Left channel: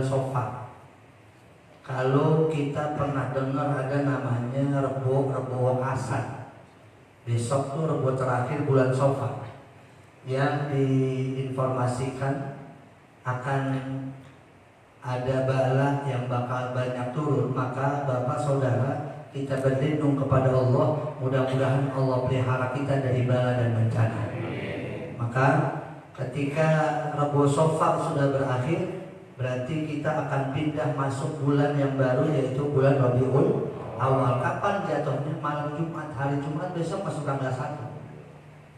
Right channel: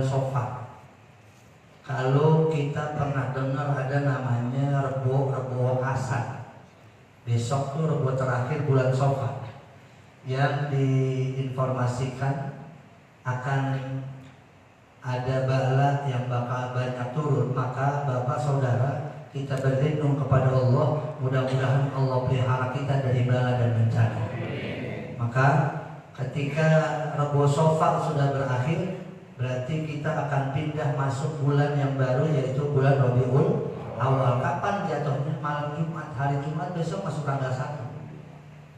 bulan Safar. Kalau kita pernah dengar ada namanya Rebo Asad, besok tuh Rebo terakhir bulan Safar, yang diinformasikan akan ada bala yang bakal banyak turun. Maka Bapak Saudara, kita berlindung kepada Allah, mudah-mudahan Allah pelihara kita dari bala dan bencana. Maka ketika Rebo Safar sudah berakhir, berarti kita akan pindah masuk bulan yang baru, yaitu bulan Rabiul Awal. Kapan jatuhnya? Malam Jumat. Hari Jumat besok masuk tanggal 1.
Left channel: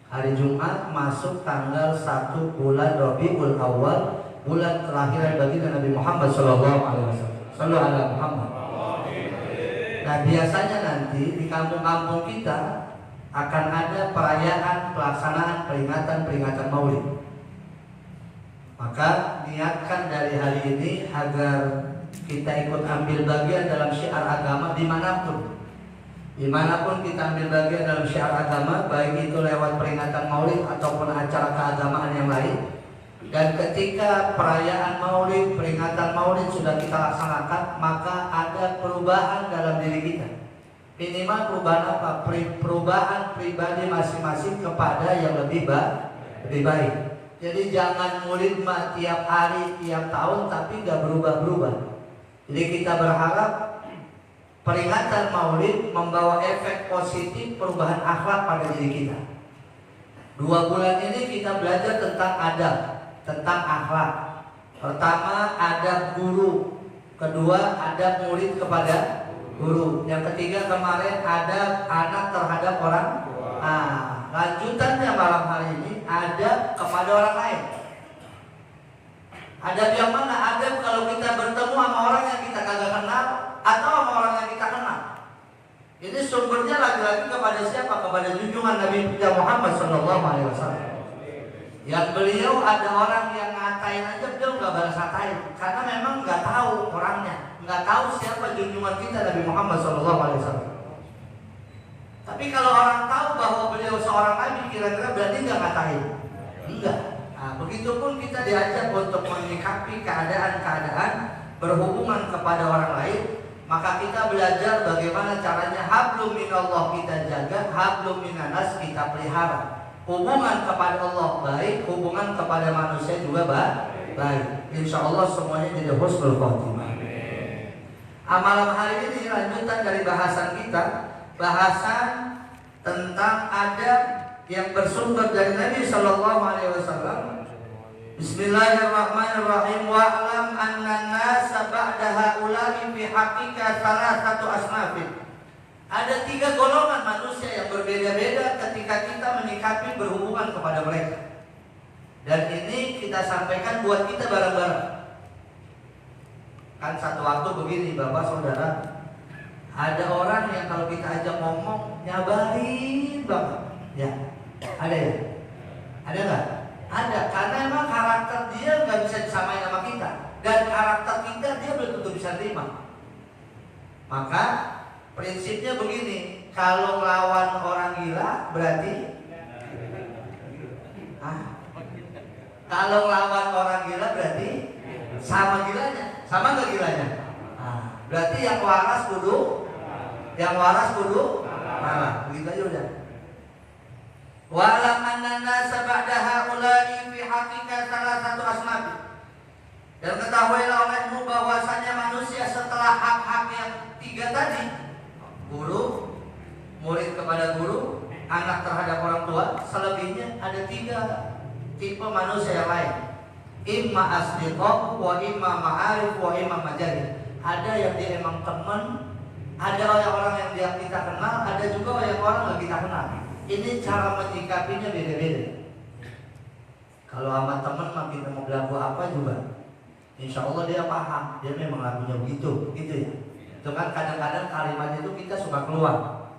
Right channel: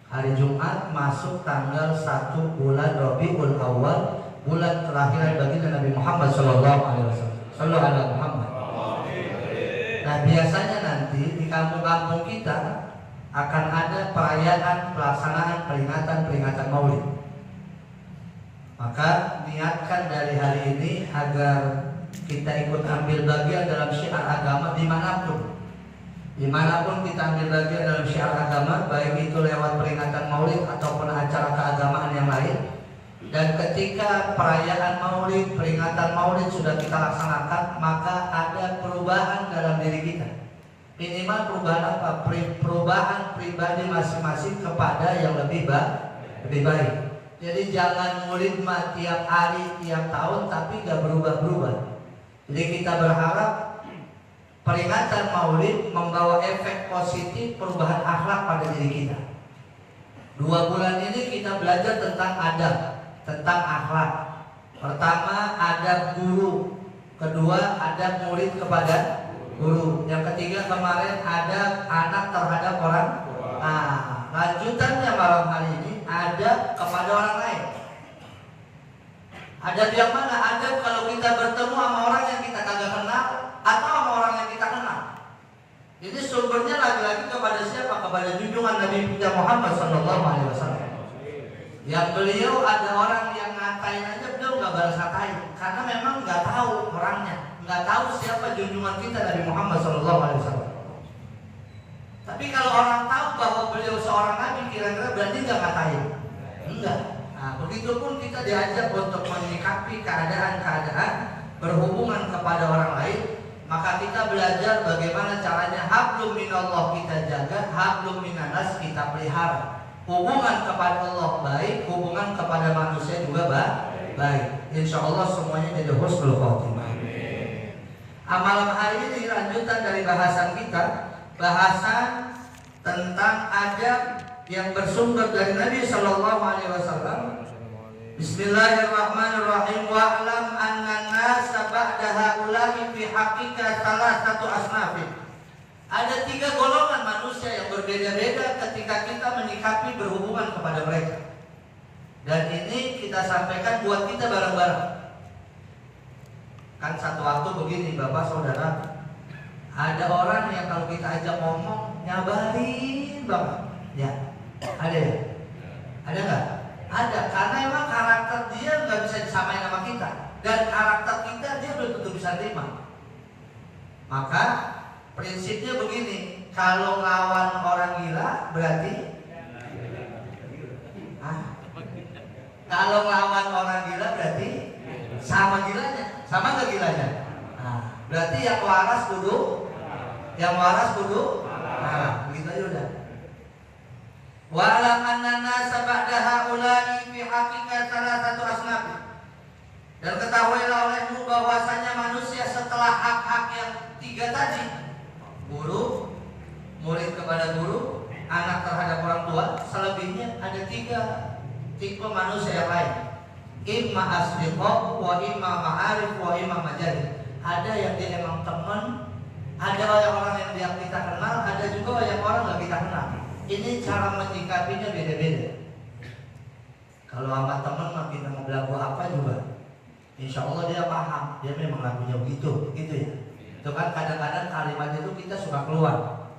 Hari Jumat masuk tanggal 1 bulan Rabiul Awal, bulan terakhir bagi Nabi Muhammad SAW. Sallu ala Muhammad. Nah, biasanya nanti di kampung-kampung kita akan ada perayaan pelaksanaan peringatan Maulid. Maka niatkan dari hari ini agar kita ikut ambil bagian dalam syiar agama dimanapun kita ambil bagian dalam syiar agama, baik itu lewat peringatan Maulid ataupun acara keagamaan yang lain. Dan ketika perayaan Maulid, peringatan Maulid sudah kita laksanakan, maka ada perubahan dalam diri kita. Minimal perubahan apa? Perubahan pribadi masing-masing kepada yang lebih baik. Jadi jangan Maulid mah tiap hari, tiap tahun, tapi gak berubah-berubah. Jadi kita berharap peringatan Maulid membawa efek positif perubahan akhlak pada diri kita. 2 bulan ini kita belajar tentang adab, tentang akhlak. Pertama, adab guru. Kedua, adab murid kepada guru. Yang ketiga kemarin, adab anak terhadap orang. Nah, lanjutannya malam hari ini, adab kepada orang lain. Adab yang mana? Adab kalau kita bertemu sama orang yang kita kagak kenal atau sama orang yang kita kenal. Ini sumbernya lagi-lagi kepada siapa? Kepada junjungan Nabi kita Muhammad SAW. Yang beliau ada orang yang ngatain aja beliau nggak balas ngatain, karena memang nggak tahu orangnya, nggak tahu siapa junjungan kita Nabi Muhammad SAW. Tapi kalau orang tahu bahwa beliau seorang nabi, kira-kira berarti nggak ngatain? Enggak. Nah, begitupun kita diajak untuk menyikapi keadaan-keadaan berhubungan kepada orang lain. Maka kita belajar bagaimana caranya hablum minallah kita jaga, hablum minanas kita pelihara. Hubungan kepada Allah baik, hubungan kepada manusia juga baik. Insya Allah semuanya jadi husnul khotimah. Malam hari ini lanjutan dari bahasan kita, bahasan tentang adab yang bersumber dari Nabi SAW. Bismillahirrahmanirrahim. Wa'lam anna nasa ba'da haula'i fi haqiqa salasatu asnafin. Ada 3 golongan manusia yang berbeda-beda ketika kita menyikapi berhubungan kepada mereka. Dan ini kita sampaikan buat kita bareng-bareng. Kan satu waktu begini Bapak Saudara, ada orang yang kalau kita ajak ngomong nyabarin banget. Ya, ada ya? Ada nggak? Ada, karena emang karakter dia nggak bisa disamain sama kita, dan karakter kita dia belum tentu bisa terima. Maka prinsipnya begini, kalau lawan orang gila berarti kalau lawan orang gila berarti sama gilanya, sama nggak gilanya? Berarti yang waras kudu, begitu aja udah. Wa'lam annana sab'da haula'i fi haqiqa salasatu asnaf. Dan ketahuilah olehmu bahwasanya manusia setelah hak-hak yang 3 tadi, guru, murid kepada guru, anak terhadap orang tua, selebihnya ada 3 tipe manusia yang lain. Imma asdiqah wa imma ma'arif wa imma majalid. Ada yang dia emang teman, ada orang yang dia kita kenal, ada juga yang orang nggak kita kenal. Ini cara menyikapinya beda-beda. Kalau sama teman mah kita mau berlaku apa juga, insya Allah dia paham, dia memang lagunya begitu ya. Itu kan kadang-kadang kalimatnya itu kita suka keluar,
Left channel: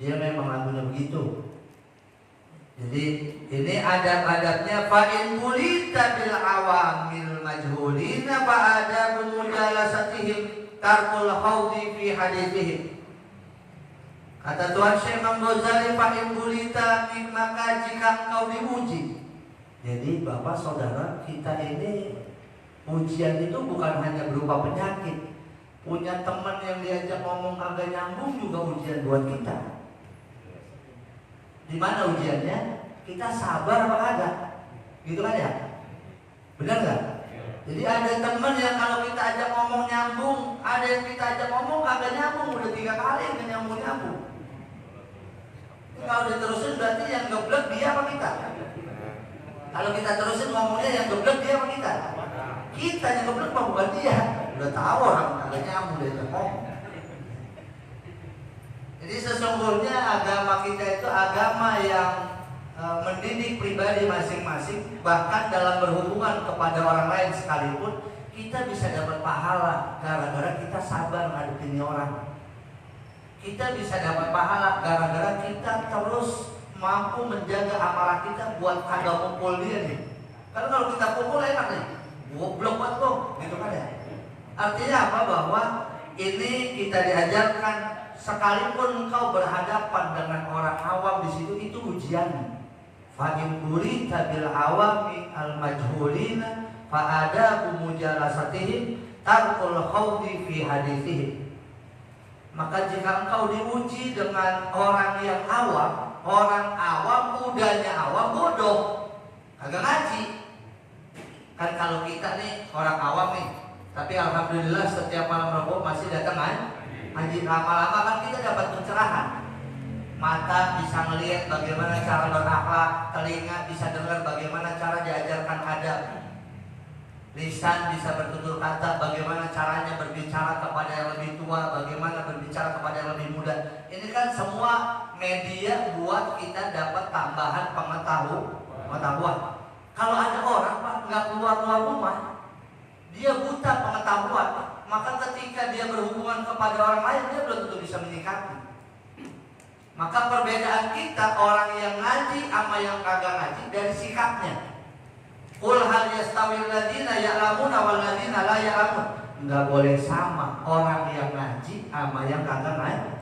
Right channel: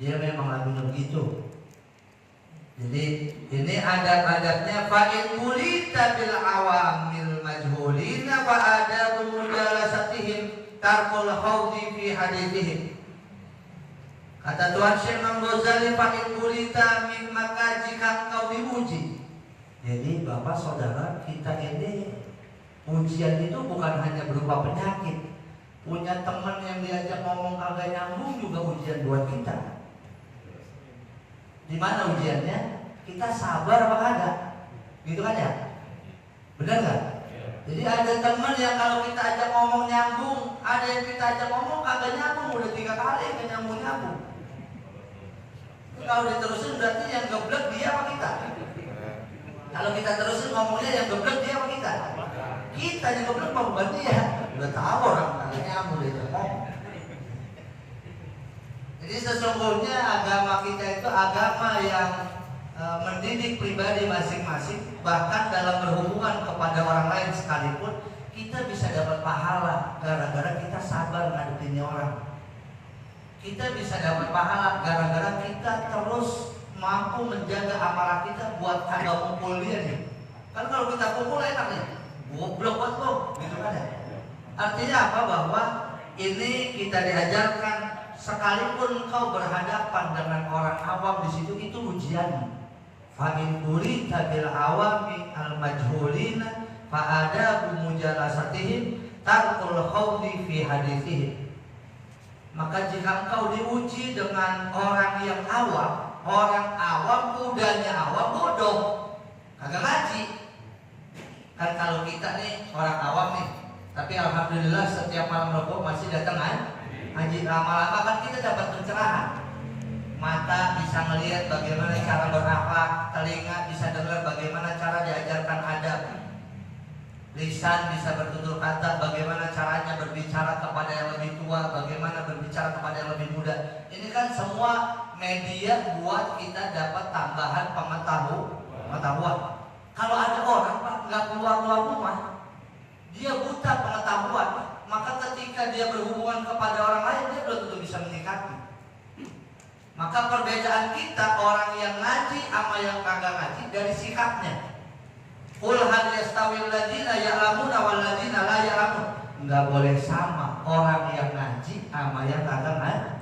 dia memang lagunya begitu. Jadi ini adab-adabnya. Fa'in mulita bil awamil majhulina fa'adabu mujalasatihim tarkul khawdi fi hadithihim. Kata Tuhan Syekh Imam Ghazali, fa'in bulita min maka jika engkau diuji. Jadi Bapak Saudara, kita ini Ujian itu bukan hanya berupa penyakit. Punya teman yang diajak ngomong kagak nyambung juga ujian buat kita. Di mana ujiannya? Kita sabar apa kagak? Gitu kan ya? Benar nggak? Jadi ada teman yang kalau kita ajak ngomong nyambung, ada yang kita ajak ngomong kagak nyambung, udah 3 kali yang nyambung. Kalau diterusin berarti yang geblek dia apa kita? Kalau kita terusin ngomongnya yang geblek dia apa kita? Kita yang geblek mah bukan dia. Udah tahu orang kagak nyambung dia ngomong. Jadi sesungguhnya agama kita itu agama yang mendidik pribadi masing-masing, bahkan dalam berhubungan kepada orang lain sekalipun kita bisa dapat pahala gara-gara kita sabar ngadepin orang. Kita bisa dapat pahala gara-gara kita terus mampu menjaga amarah kita buat kagak kumpul dia nih. Karena kalau kita kumpul enak nih, goblok buat lo, gitu kan ya. Artinya apa? Bahwa ini kita diajarkan sekalipun engkau berhadapan dengan orang awam di situ itu ujian. Fa in burita bil awami al majhulina fa adabu mujalasatihim tarkul khawdi fi hadithihim. Maka jika engkau diuji dengan orang yang awam, orang awam udahnya awam bodoh, kagak ngaji. Kan kalau kita nih orang awam nih, tapi alhamdulillah setiap malam Rabu masih datang ngaji. Lama-lama kan kita dapat pencerahan. Mata bisa melihat bagaimana cara berakhlak, telinga bisa dengar bagaimana cara diajarkan adab, lisan bisa bertutur kata bagaimana caranya berbicara kepada yang lebih tua, bagaimana berbicara kepada yang lebih muda. Ini kan semua media buat kita dapat tambahan pengetahuan. Kalau ada orang Pak nggak keluar rumah, dia buta pengetahuan, maka ketika dia berhubungan kepada orang lain dia belum tentu bisa menyikapi. Maka perbedaan kita orang yang ngaji sama yang kagak ngaji dari sikapnya. Qul hal yastawil ladzina ya'lamuna wal ladzina la ya'lamun. Enggak boleh sama orang yang ngaji sama yang kagak ngaji.